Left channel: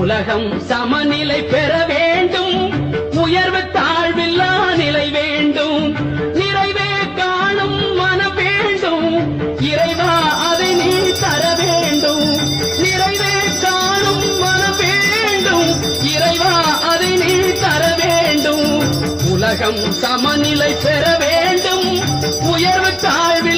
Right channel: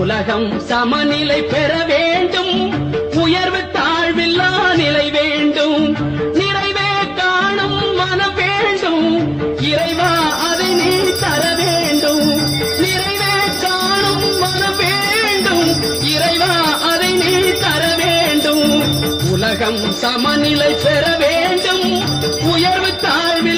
உலகம் சமநிலை பெற வேண்டும், உயர்வு தாழ்வில்லா நிலை வேண்டும், நிறைவே காணும் மனம் வேண்டும், இறைவா அதை நீ தர வேண்டும். நிறைவே காணும் மனம் வேண்டும், இறைவா அதை நீ தர வேண்டும். உலகம் சமநிலை பெற வேண்டும், உயர்வு தாழ்வில்